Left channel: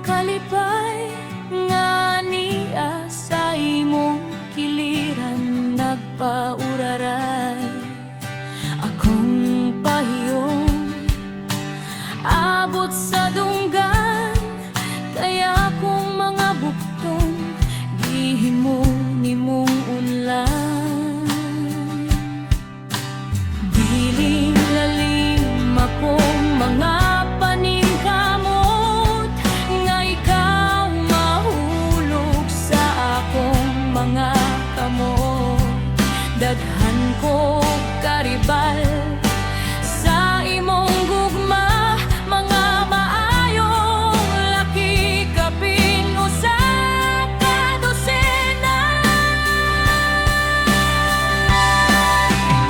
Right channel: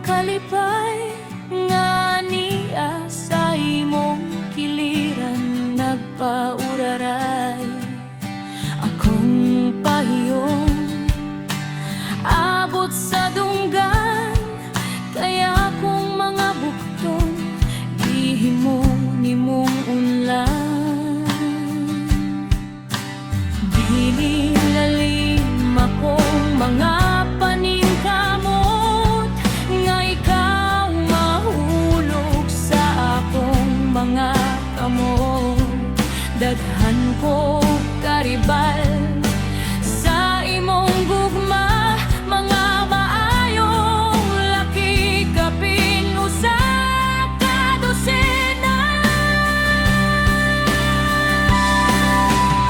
kalipay nga niya sa imong kiliran nagpauraray. Akong pahiyong abot sa dunggan, kaya kung mga bukton gihimo nimong unlan. Dili lalim akong mga paningkamot nga ikaw mahulog sa akong mga kamot. Daghan ko karibal sa imong gugma, mga maayong laki kapin usa ka dosena.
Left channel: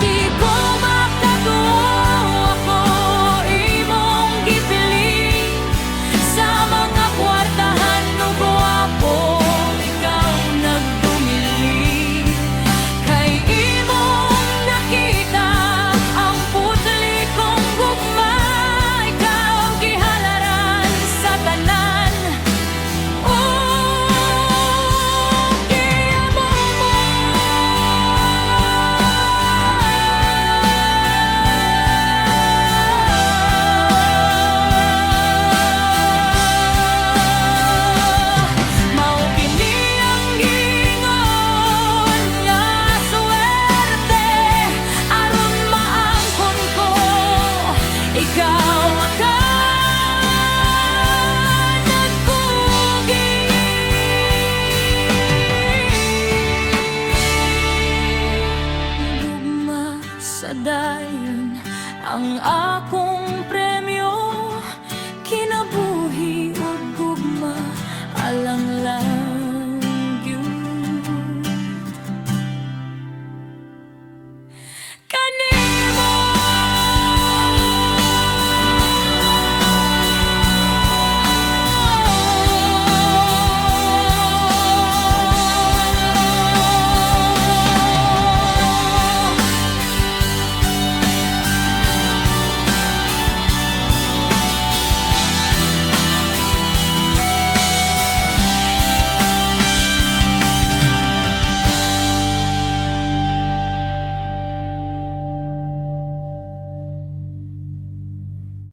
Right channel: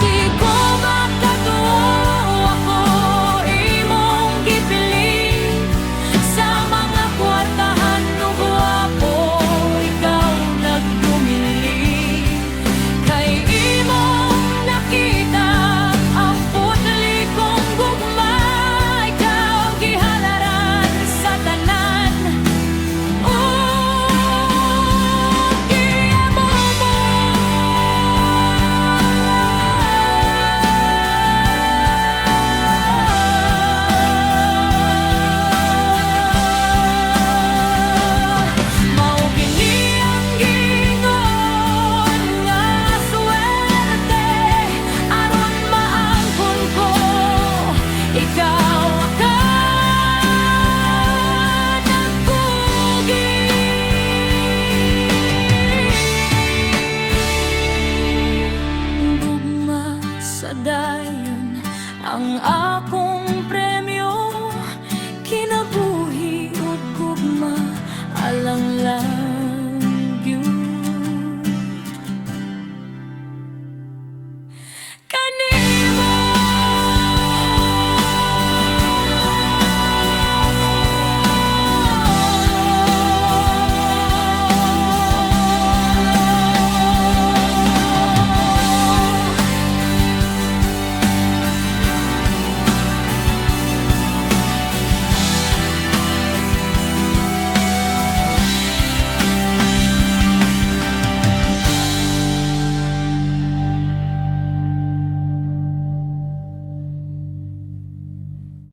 Di ko makatuo ako imong gipiling sa mga kwartahan ug gwapo ikaw nagdumili. Kay imong nakita ang putli kong gugma, ikaw gihalaran sa tanan ug giamo mo. Mao kini ang gingon nga suwerte aron maangkon ko ikaw ka nagkugi. Gugma sa dayon ang akong premyo, kinabuhi ug gugma alang lang.